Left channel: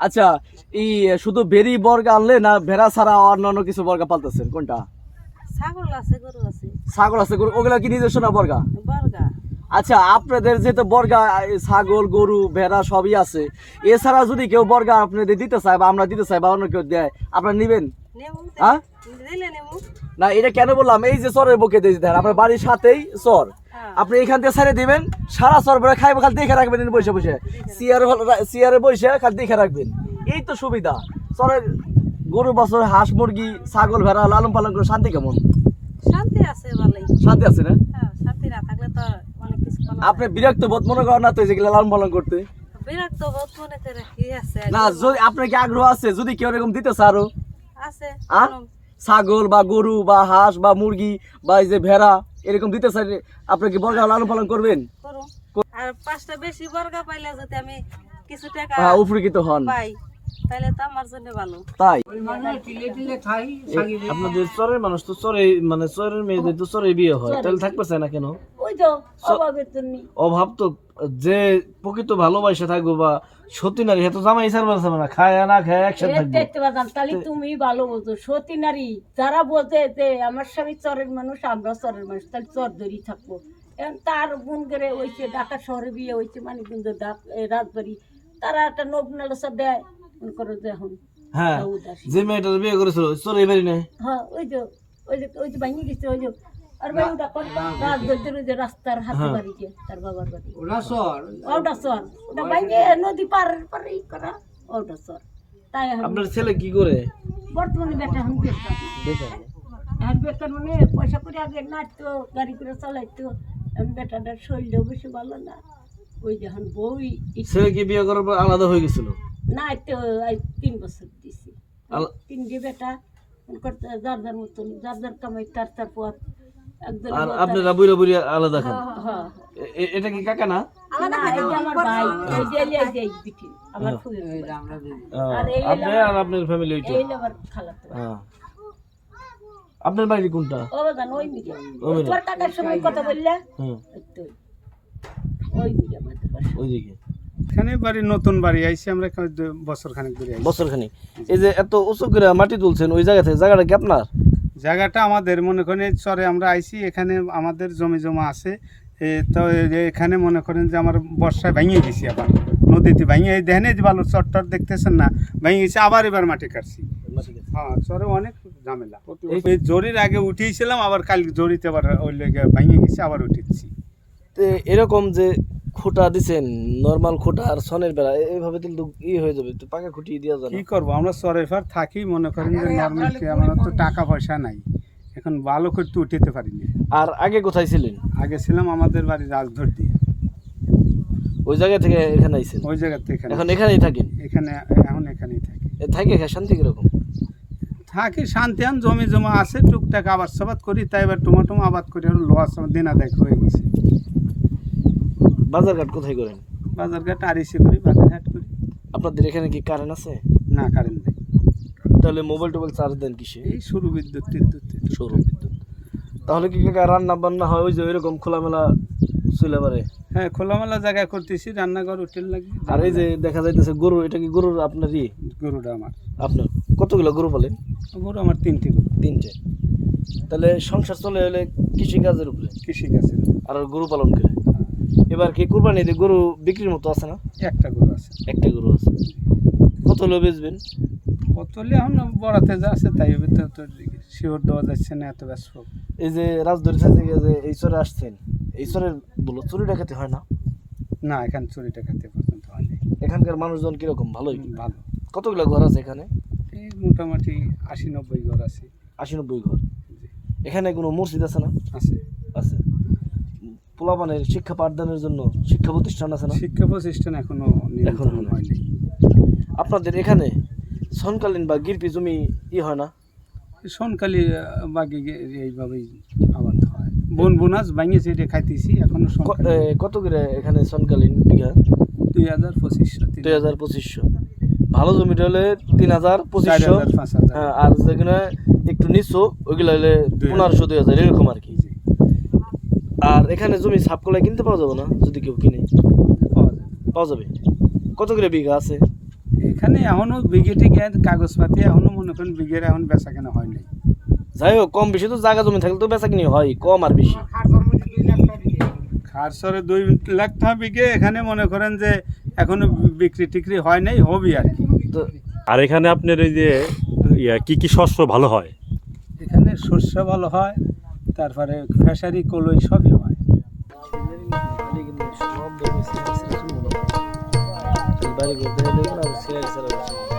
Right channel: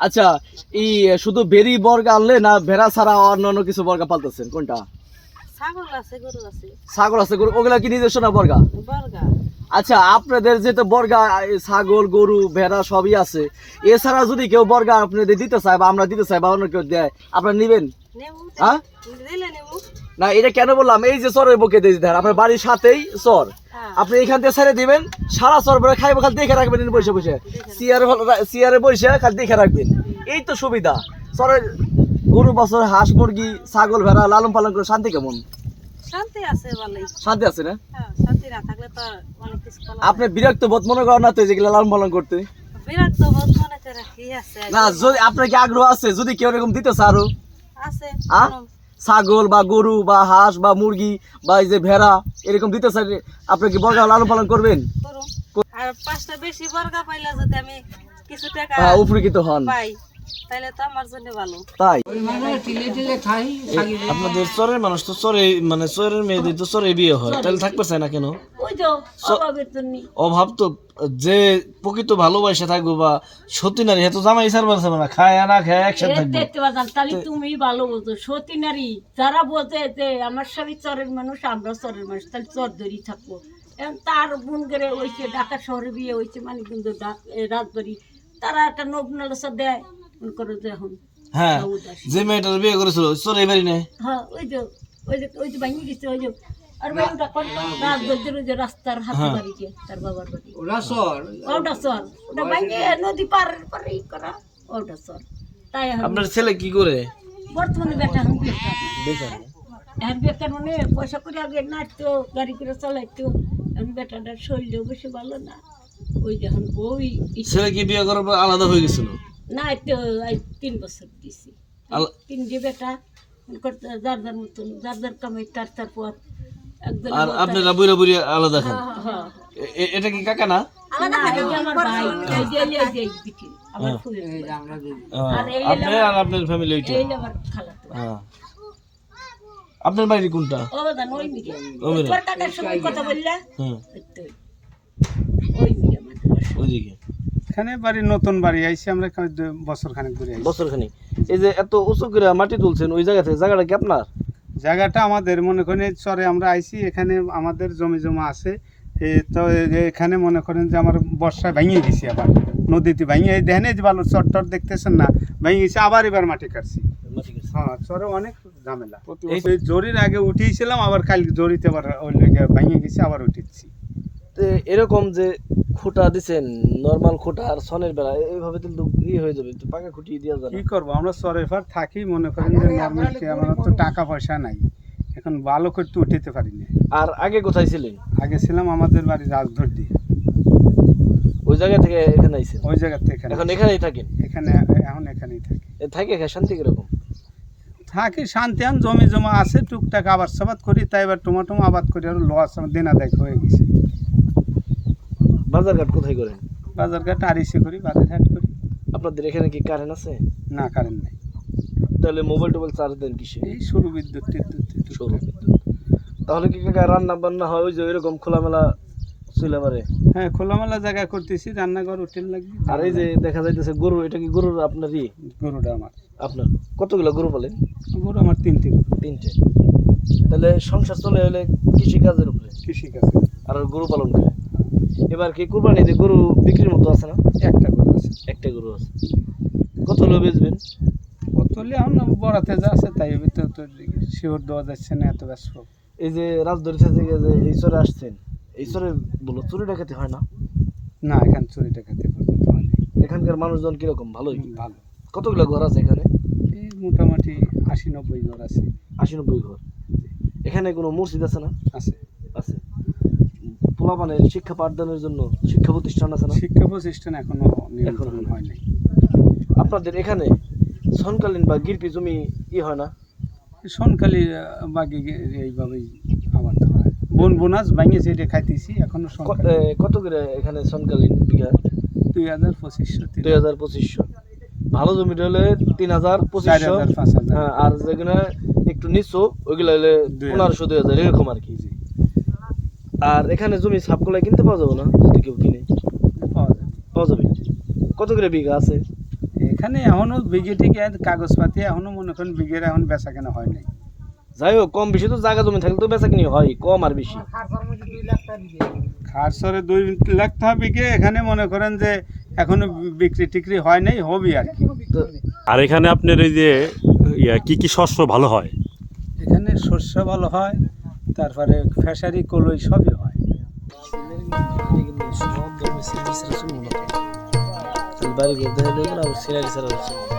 আচ্ছা এই শুধু বেরি বর্গা আনলে না ভেড়া ছাড়া অন্যান্য কিছু বর্গা পালতেছেন? কোনটা? ছাগল আছে গরু আছে। ছাগল আছে গরু ওগুলা কি নিজস্ব না বর্গা? বর্গা। আচ্ছা আপনাদের যেহেতু বর্গা ছাগল গরু ভেড়া সবই আছে এছাড়া যদি কেউ বর্গা আপনাদের দিতে চায় বা আমরা দিতে চাই বা অন্য কেউ দেয় আপনারা নিবেন? হ্যাঁ? না এটা কেন বললাম? এই যে চরের বুকে দিয়ে দেন আপনার বাড়ির সাথেই চর। আপনি এখান থেকে ছেড়ে দিবেন সারা চর ভরে খাইবে খালি দেখে রাখবেন বসে বসে। চেয়ারে চেয়ারে বসে খালি দেখে রাখবেন। এই তো সুবিধা। চরের গরু বছর হাঁস মুরগি ছাগল ভেড়া লালন পালন করে শান্তি কেমন? শান্তি আছে ভালোই। শান্তি আছে না? হ্যাঁ শান্তি না থাকলে তো অনেক কিছু আপনি বিরক্ত বোধ মনে করেন না তো যেগুলো লালন পালন করতে? বিরক্ত বোধ মনে করে কি আছে? না যদি আপনার কি আগ্রহ আছে? যদি কেউ এরকম দিতে আরও? আছে আ? ছাগল বা গরু বা হাঁস বা মুরগি বা এই যে ভেড়া এরকম দিতে চাই আপনি কি বর্গা লালন পালন করবেন? আর পাঁচটা বেশি বর্গা পাইলে যদি আমি কিছু টাকা হ্যাঁ, উপকৃত হন। পাই তাহলে তো আমার জন্য ভালো। তাই? আপনাদের চরের মানুষ তো চরে মানে চরের মেয়েদের তো চরে বিয়ে হয়। তাহলে থাকতে না কেন? ওই তো অভাবের জন্য। অভাব তো যে প্রকৃত ভালোবাসা থাকব বা সত্যি নারী এত জামাই সার বাড়ছে না খায় না খায় একসাথে থাকবে। দেখতে পারতাম তাহলে তুমি ভালো বলতো সতী নারী যারা বোঝে যে আমার স্বামী চরের মানুষ আমরা চরের মানুষ তাহলে চর ধরি থাকব। তার বোন করে ওইছে ঢাকা শহরে বিয়ে হয়েছে মানে কিন্তু রাজবাড়ি তারা একটা নগ্নালসা দেয় মনে করো যে এখন হ্যাঁ যে মেয়েটার বিয়ে করেছিল চরে বাড়ি নেই? হ্যাঁ ওই যে ওই যে ওই যে ভাঙিয়ে গেছে ওই যে আর ভাই ওটা কোন রাজবাড়ির ওই যে রাস্তার হাতে বাড়ি যে তার বাবার বাড়ি। ওটা চর ওটা ভাঙিয়ে নদী পার পারে করা ওটা চর তাই আপনার ছেলে কি করে? বর্তমানে বেটা এখন বেকার। বেকার? এখন বেকার মানে পয়সা করে আগে নাচতো গাড়ি করে চালাইতো। এখন বেটাটার শরীরও বেশি ভালো না। ওই যখন বই ছেলে কি বিয়ে করার পর আলাদা হয়ে গেছিল? না তো তিন বছর দিছি। তিন যে বেটা করতে যার যার মতন যার যার কামাই তার তার একজন আর আপনারা বুড়ে বুড়ি আলাদা খান। হ্যাঁ এ- এ- এটা কি কাকা না? হ্যাঁ, আপনার ফ্যামিলি। হ্যাঁ। আপনার বাড়ি কোনটা? হ্যাঁ। এখানে বাড়ি নতুন বাড়ি আইছি আমরা এখানে বছর খানেক ধরে বছর খানিক। এই যে এত উঁচু করে মাটি তুলছেন ওই জায়গা থেকে জায়গাটা কি আপনার? জায়গাটা আমাদের মনে করেন এই চরে আমরা আইছি এখানে আমাদের জমি জমা আছে। তো এখানে মনে করেন যে আমার বর্ষায় ভেঙে গেছি আবার নদীতে ভেঙে এই দেখেন যে ভালো চর টর দেখতেছেন না ভেঙে গেছি আবার এবার মাটি কাটছি। হ্যাঁ চরে অনেক ঝামেলা। এই জরির আগে উঠিয়েছিলাম আবার কাল জরিতে আবার ওই লেগে ভেঙে গেছি আবার উঠেছি তো এরকম যে খুঁটা দিছেন নর্মাল খুঁটা আর সনের বেড়া এইভাবে তো ই হয়ে যাবে তো পাকা খুঁটি দেওয়া যাবে কি করব আমরা চরের পর থাকি মনে করেন যে নর্মাল কি আমার তো টাকা পয়সা নাই। এখন ভালো করতে উঠাতে পারি না। আর আগে কোথায় ছিলেন? আগে ছিলাম আমাদের বাড়ি রাজধর দিয়ে। ওই জায়গা থেকে এখানে আইছেন? ওই জায়গা থেকে এখানে এখন এখানেই থাকেন? এখানে এখন এখানেই থাকি। এ থাকে এখানে শান্তি কীরকম? থাকি শান্তি আন জমি জমা আছে টুকটাক আবাদ সাবাদ করি তাই এবার টমাটো আবাদ করি আর লস আমার দিন আদায় হয়ে গেছে। বাজার ঘাট কোথায় করেন? বাজার ঘাট আরিসে করি বাজার ঘাট করি। আপনাদের এখানে কি কারেন্ট আছে? না কারেন্ট নাই। তাহলে মোবাইল টোবাইল চার্জ দেন কিসে? এই সরু বিদ্যুৎ টিদ্যুৎ। সৌর বিদ্যুৎ। তাহলে কি কাকা রান্না বান্না হয় ওই যে এরকম খোলামেলা চলে পারে? হ্যাঁ খোলামেলা জায়গায় করতেছি রান্নাঘর হোটেল লাগবে। আর এই যে দেখা যাইতেছে গরু এটা কি গরুর আপনারই গরুটা আমার। আপনার। কতগুলো গরু বলেন গরু আমার তিনটি। তিনটে। তাহলে সংসার চলে হলে কৃষিকাজের উপরে? কৃষিকাজ আর গরু পালন করে? এবার কি কুরবানি দিয়ে গরু বিক্রির মতো আছে না? একটা গরু আছে। একটা গরু আছে। কত হলো বেচবেন? কত হলে এখন বড়াতে যা আছে তাই ভিতরে তো শিওর দেওয়া যাচ্ছে না এত ব্যস্ত। এই যে রাজধরি থেকে যে এই চরে আসছেন এই চরের বলো চুরি ডাকাতি হয় না? না এখানে চুরিটা খেতে পর্যন্ত হয়নি এখানকার মানুষজন কীরকম? ভালোই ভালো। কতগুলো ঘর আছে এখানে? মোটামুটি আশি নব্বই ঘর আছে। আশি নব্বই ঘর। এখানে কোনো মসজিদ আছে না? আছে। আছে। পোলাপানের শিক্ষা পাঠদানের জন্য শিক্ষা প্রতিষ্ঠান আছে না? শিক্ষা প্রতিষ্ঠান এখনও এখনও হয়নি। আপনাদের এখানে সনকালীন বা গিরপি জমি ই হয় না? সোনকালি বাকি এইভাবেই আবাদ হয়। বন বোনাস ভাঙিয়েছে এটা খাইতেছি এখনও কত করে এখানে সনকালীন বিঘা? দুই হাজার পঁচিশশো দুই হাজার পঁচিশশো। ভালো জমিটা হলে তিন হাজার পঁচিশশো। হাজার পাঁচ হাজার। হ্যাঁ, আর যেখানে একটু নিচু ওইগুলো হলে। পনেরোশো দুই হাজার এরকম আর কি। আর এখানে জমি সাপগুলা কিনতে পাওয়া যাবে না যদি কেউ কিনে। পাওয়া যায়। পাওয়া যাবে? কত করে বিঘা আছে? এখানে এখনও বিঘে টিকে কাগজপাতি এখনও মনে করেন বিঘের এখন বেচা কেনা হয় নাই। যাই হোক কম বেশি তো জায়গা জমি থাকলে তো বেচা কিনি হয় কম আর বেশি। খারসরে দুই লাখ টাকা বিঘে এখানে মনে করেন যে এখনও বিক্রি টিক্রি হয় নাই হবি আর কি। তো আর এখানে আপনার এই যে ইয়া, কি কি শস্য ভালো হয়? এখানে শস্য ভালো হয় তারপরে ফেসারি কলই সবই হয়। বাড়ি ঘুরতে